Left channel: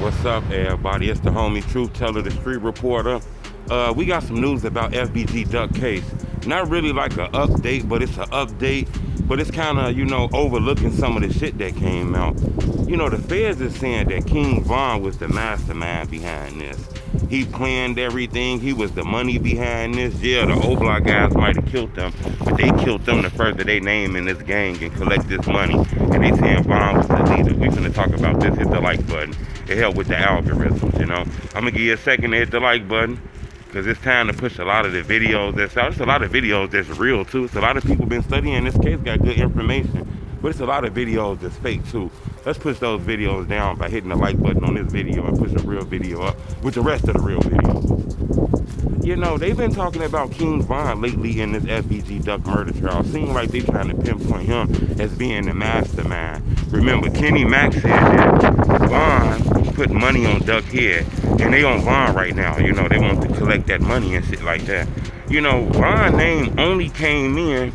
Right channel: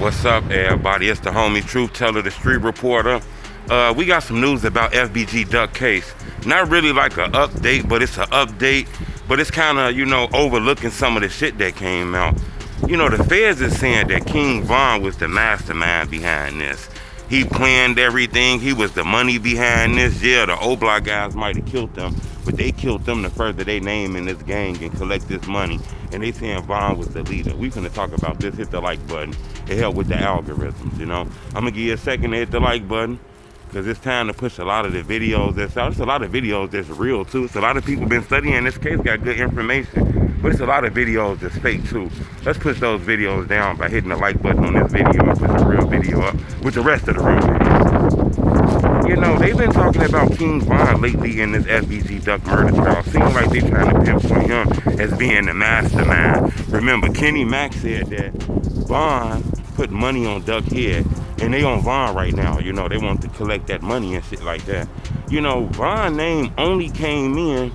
What's up, everybody? It's the homie Truth Teller, the street reporter. We got some news about FBG Duck case. Not really like an update, but it's an update. But it's kind of, overlooking some of the shit that came out. The feds is saying that King Von was the mastermind behind this. He planned everything. He was the money behind this. Yeah, the O-Block guys might have killed them, but they killed them to further their name in this gang and collect this money. And they saying Von was the leader. We finna talk about this. Hit the like button. It helped with the algorithms, I'm gonna give you a second to hit the like button, because it's time to push a lot of the videos that's out. There's a lot of videos that's real too. It's a lot of people been studying this case, got good information, but it's a lot of videos that's fake too. Let's push those videos down by hitting the like button on this video and push the real video up with the rest of the real videos. They've been talking about King Von lately in this FBG Duck murder trial. Seems like they trying to pinpoint him as being the mastermind. Remember, Kenny Mack said that Von put money on Duck head, and they on Von right now. They want to collect that money and shit like that. Von's name only came in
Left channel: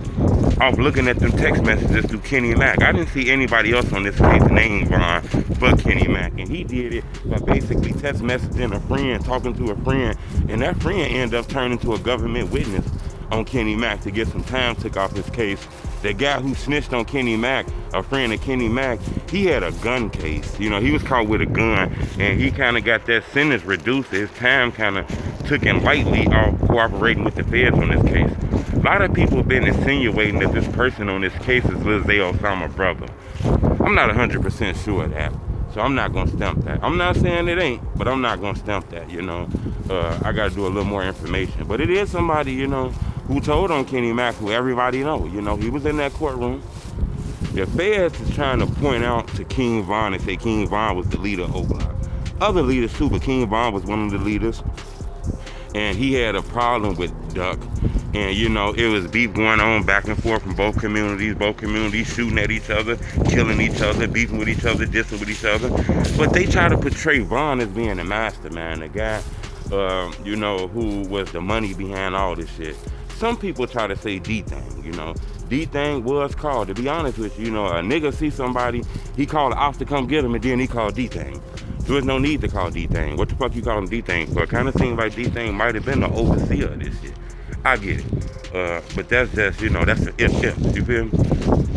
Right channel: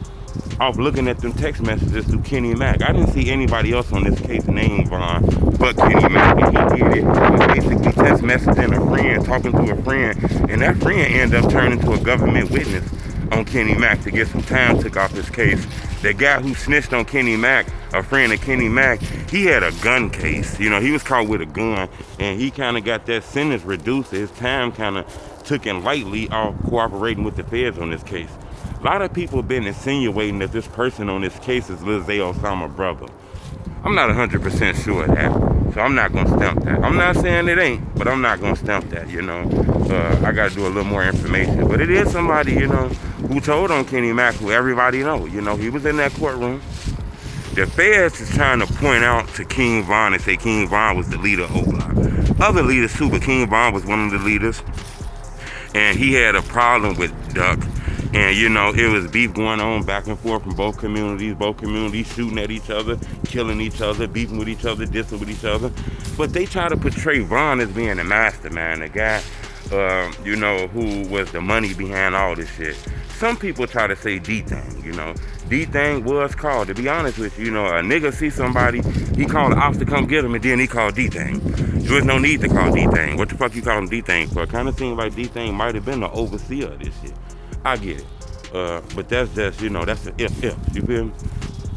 off looking at them text messages through Kenny Mack. I didn't see anybody else on this case named Von but Kenny Mack, and he did it with basically text messaging a friend, talking to a friend, and that friend ended up turning to a government witness on Kenny Mack to get some time took off his case. The guy who snitched on Kenny Mack, a friend of Kenny Mack, he had a gun case. He was caught with a gun, and he kind of got that sentence reduced. His time kind of took him lightly off cooperating with the feds on this case. A lot of people have been insinuating that this person on this case is Lil Zay Osama's brother. I'm not 100% sure of that, so I'm not going to stump that. I'm not saying it ain't, but I'm not going to stump that, I got to do a little more information. But it is somebody, who told on Kenny Mack, who everybody know. He was in that courtroom. The feds is trying to point out to King Von and say King Von was the leader of O-Block. Other leaders too, but King Von was one of the leaders. And he had a problem with Duck. And, it was beef going on back and forth from both communities shooting at each other, killing each other, beefing with each other, dissing with each other. But they try to portray Von as being the mastermind, the guy, who was the money behind all this shit. Some people try to say D-Thing, D-Thing was called. To be honest with you, a nigga see somebody, he called the ops to come get him, and then he called D-Thing. There was no need to call D-Thing. What the fuck you call him D-Thing for? It kind of seems like D-Thing might have been the overseer of this shit. I get it. But that's just, that's an if, you feel me?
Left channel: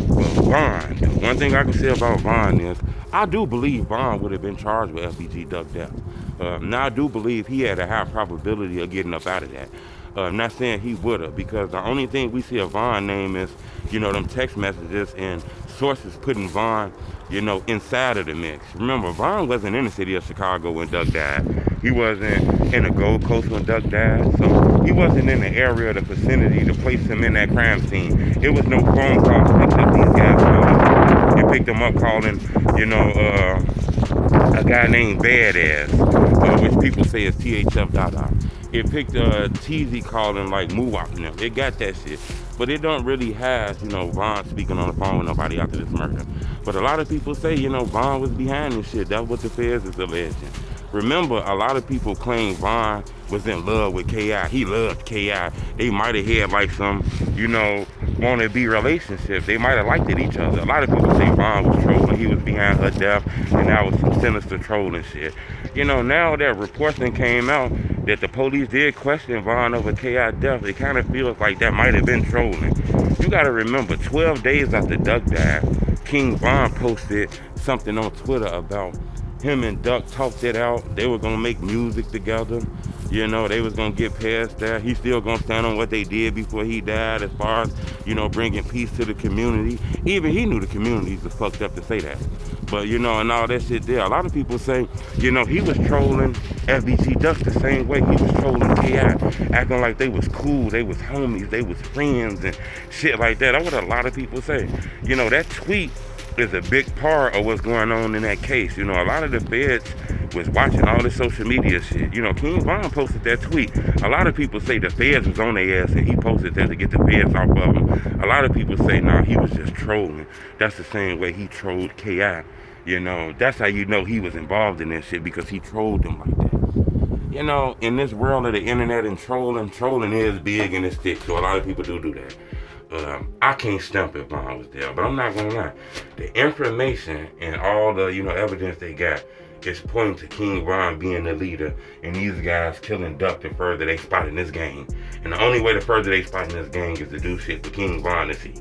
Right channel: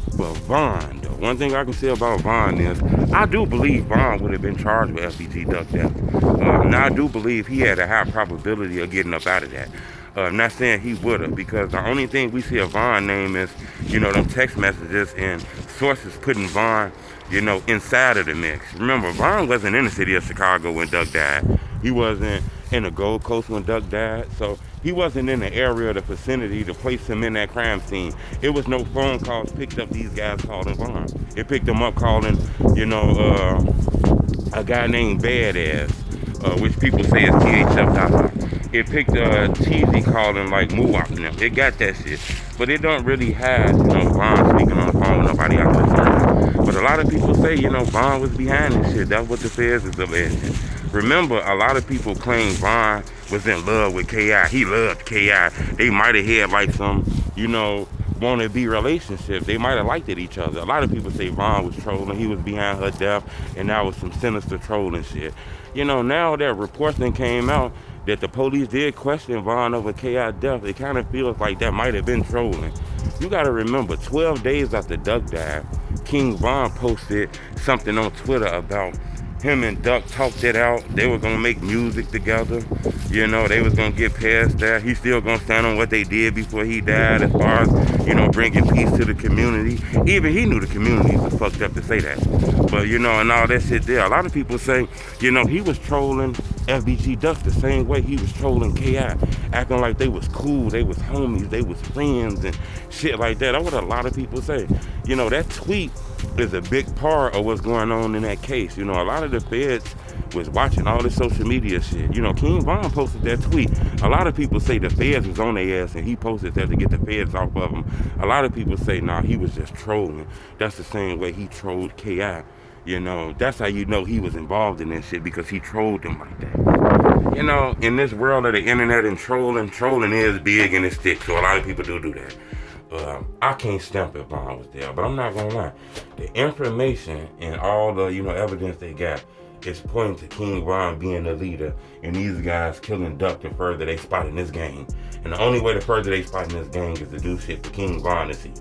Well, Von, one thing I can say about Von is, I do believe Von would have been charged with FBG Duck death. Now, I do believe he had a high probability of getting up out of that. I'm not saying he would have, because the only thing we see of Von name is, them text messages and sources putting Von, inside of the mix. Remember, Von wasn't in the city of Chicago when Duck died. He wasn't in the Gold Coast when Duck died, so he wasn't in the area or the vicinity to place him in that crime scene. It was no phone calls picked up these guys' phones. It picked them up calling, a guy named Badass, which people say is THF. It picked TZ calling like Muwap and them. It got that shit. But it don't really have, Von speaking on the phone with nobody out there. But a lot of people say, Von was behind this shit. That's what the feds is alleging. Remember, a lot of people claim Von was in love with K.I. He loved K.I. They might have had like some, wanna-be relationship. They might have liked it each other. A lot of people say Von was trolling. He was behind her death, and that was some sinister trolling shit. Now that reports then came out that the police did question Von over K.I. death, it kind of feels like that might have been trolling. You gotta remember, 12 days after Duck died, King Von posted something on Twitter about him and Duck talked it out. They were gonna make music together. They was gonna get past that. He's still gonna stand on what they did before he died as far as, bringing peace to the community. Even he knew the community was fucked up to say that. But, and all that shit there. A lot of people say, he was trolling FBG Duck the same way he was trolling K.I. Acting like they was cool, they was homies, they was friends and shit like that. That's what a lot of people say. That tweet is a big part of what's going on in that case. A lot of the feds was watching all this social media shit. King Von posted that tweet. A lot of people say the feds was on their ass and he posted that to get the feds off of him. A lot of people say, nah, he was just trolling. That's the same way he trolled K.I. That's how he was involved in that shit, because he trolled them like that. In this world of the internet and trolling is big and it's thick, so a lot of people do that. I can't stump if Von was there, but I'm not gonna lie. The information and all the, evidence they got it's pointing to King Von being the leader, and these guys killing Duck to further they spot in this game. And the only way to further they spot in this gang is to do shit for King Von to see.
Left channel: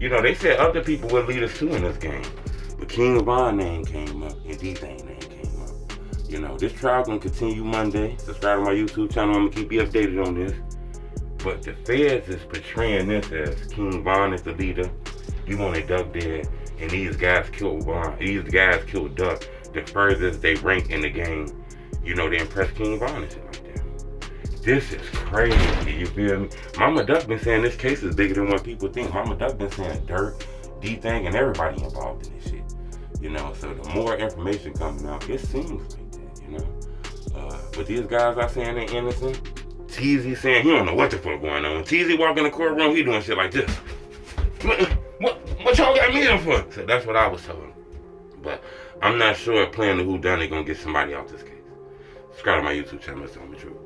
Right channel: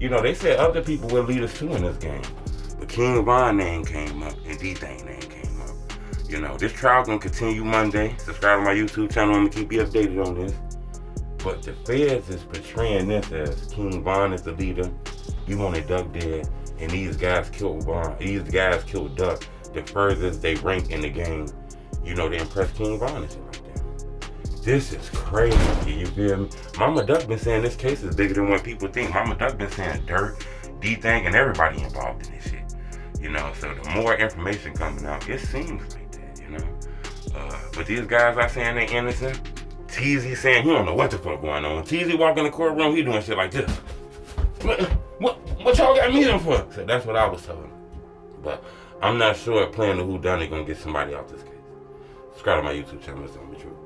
You know, they said other people were leaders too in this game, but King Von name came up and D-Thing name came up. You know, this trial gonna continue Monday. Subscribe to my YouTube channel. I'm gonna keep you updated on this. But the feds is portraying this as King Von is the leader. You want a Duck dead, and these guys killed Von. These guys killed Duck. The furthest they rank in the game, you know, they impress King Von and shit like that. This is crazy, you feel me? Mama Duck been saying this case is bigger than what people think. Mama Duck been saying Dirt, D-Thing, and everybody involved in this shit. You know, so the more information coming out, it seems like that, you know? But these guys are saying they innocent. TZ saying he don't know what the fuck going on. When TZ walk in the courtroom, he doing shit like this. What y'all got me in for? So that's what I was telling him. But I'm not sure if playing the whodunit gonna get somebody out this case. Subscribe to my YouTube channel. It's on me true.